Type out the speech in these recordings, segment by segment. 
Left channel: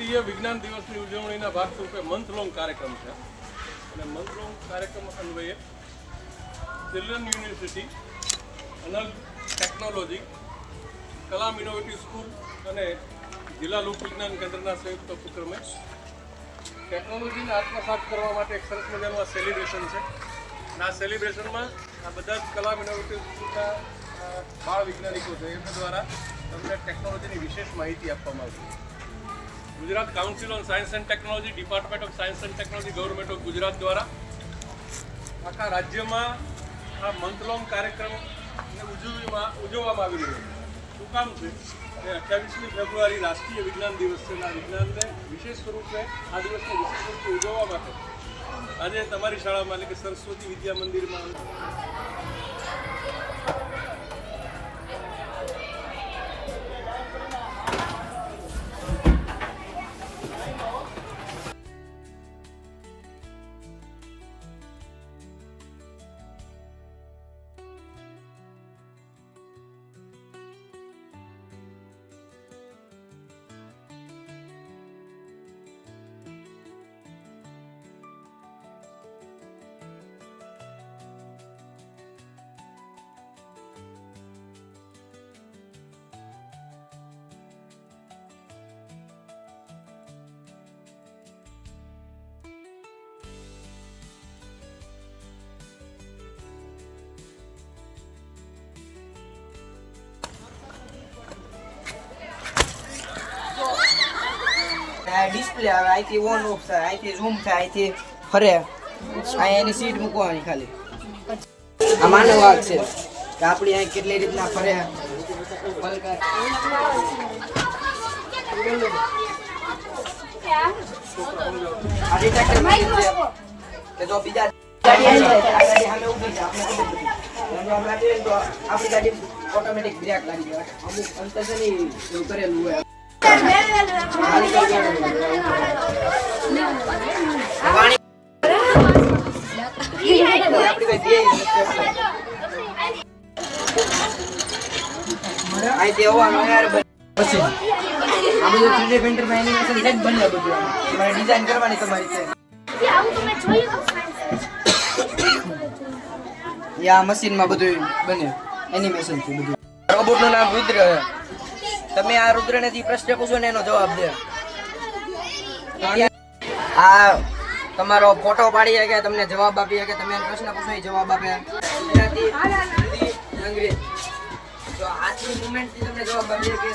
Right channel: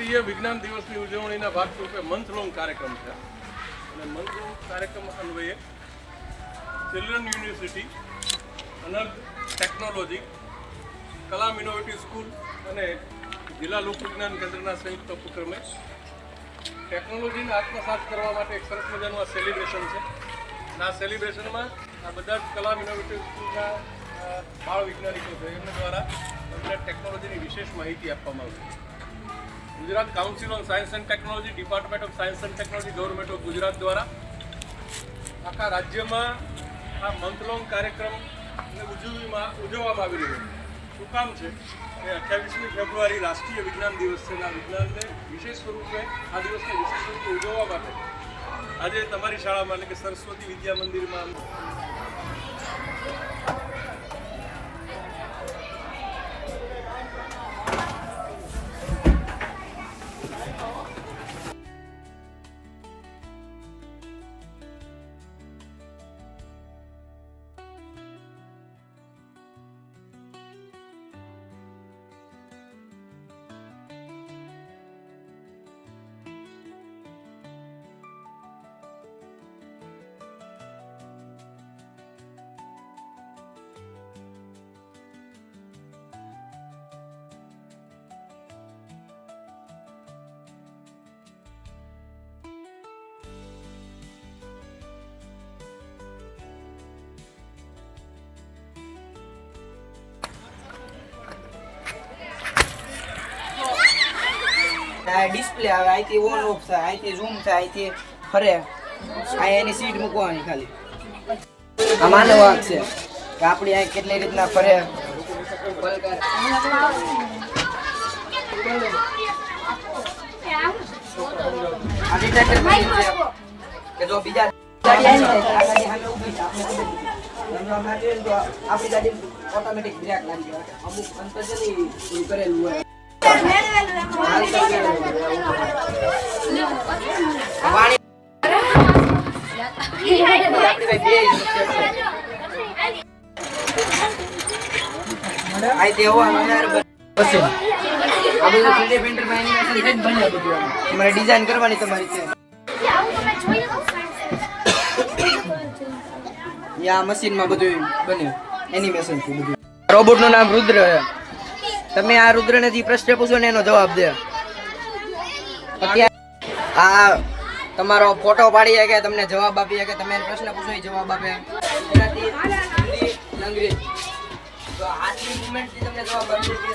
રાષ્ટ્રીય વિજ્ઞાન દિવસની ઉજવણીના ભાગરૂપે મંથ લોંગ કાર્યક્રમ છે અને મંથ લોંગ કાર્યક્રમ અન્વયે ચિલ્ડ્રન યુનિવર્સિટી, અનર્ગ ટેકનોલોજી, કલામ ઇનોવેટિવ સ્કૂલ અને જિલ્લા લોક વિજ્ઞાન કેન્દ્રના સંયુક્ત ઉપક્રમે ટેકનોલોજીને આત્મસાત કરવા માટે એક સરસ મજાનું આ સેલિબ્રેશન છે અને આ સેલિબ્રેશનમાં આ બધા જ કલામ ઇનોવેટિવ સ્કૂલના બાળ વૈજ્ઞાનિકો છે એમના દ્વારા એમને ટેકનોલોજીની વિશેષ માહિતી આપવામાં આવશે. Gujarat council on science and technology, department of science and technology, government of Gujarat દ્વારા આખા રાજ્યમાં આ મંથ લોંગ કાર્યક્રમને ઉજવવામાં આવી રહ્યો છે. શું કામ છે કે 28મી ફેબ્રુઆરી રાષ્ટ્રીય વિજ્ઞાન દિવસ છે અને આ વિજ્ઞાનને વિશેષ સ્વરૂપે આ દિવસને વિશેષ સ્વરૂપે ઉજવવા માટે આજે તમારી શાળામાં એટલે કે સરસ્વતી વિદ્યા મંદિરમાં ડિસ્પ્લે આવે, અહીંથી ઓન ઓફ થાય, અહીંથી ઝૂમ થાય, અહીંથી ફરે, અહીંયા એની સીટ મૂકવાની ખાલી. આ માનવ વાંક છે કે આપણી અહીં કેટલી રીતના ફરે. આ ડિટેક્ટર મશીન છે કે જો બીજા ગાડી ઊભી છે આપણી ગાડી ઓટોમેટિક બ્રેક લાગી જાય. અમુક અંતર છે ને એવું કરેલું હોય. ડિઝાઇન કરવાની તમારી છે. આ મશીનમાં બધું બને એનિમેશન થી. બધું રોબોટ નું નામ રુદ્ર છે. તમે આ રુદ્રને જે પ્રશ્ન પૂછો ને એનો જવાબ દે. આ તમારો ફોટો પાડી શકે, તમને જવાબ આપી શકે, તમે પ્રશ્ન પૂછો એ જવાબ આપે. અંગ્રેજી તો હાથની મૂવમેન્ટ થી તમને જવાબ આપી શકે.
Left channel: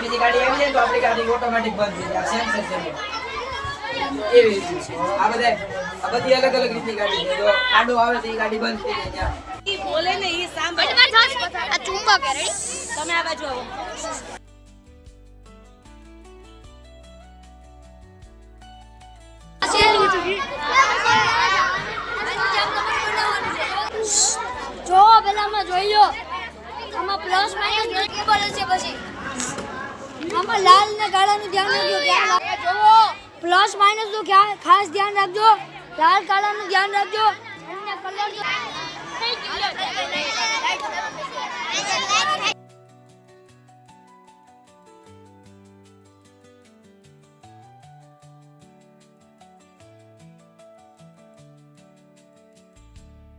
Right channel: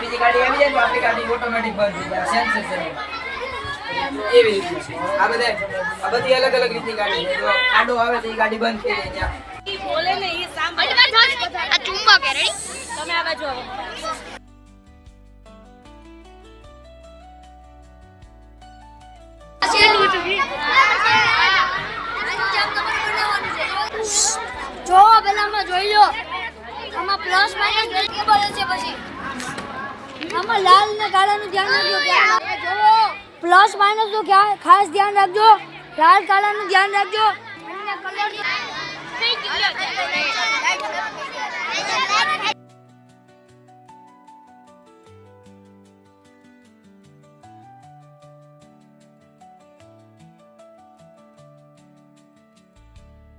બીજી ગાડી આવી જાય તો આપણી ગાડી ઓટોમેટિક બંધ થઈ જાય. સેન્સર છે એવી રીતના આ બધી અલગ અલગ રીતની ગાડી છે. જો આડો આવે તો એ ગાડી બંધ થઈ જાય. બોલે ને એ સાંભળ આ ચુંબક હે. રેડી તમે આ બાજુ આવો. જો પેલામાં જોઈ લો, આમાં પ્લસ માઇનસ કેબલ છે. પછી આમાં લાલ ને કાળાનું ધ્યાન રાખજો. પ્લસ માઇનસ નું ખાસ ધ્યાન રાખજો. લાલ કાળાનું ધ્યાન રાખજો. અને કલર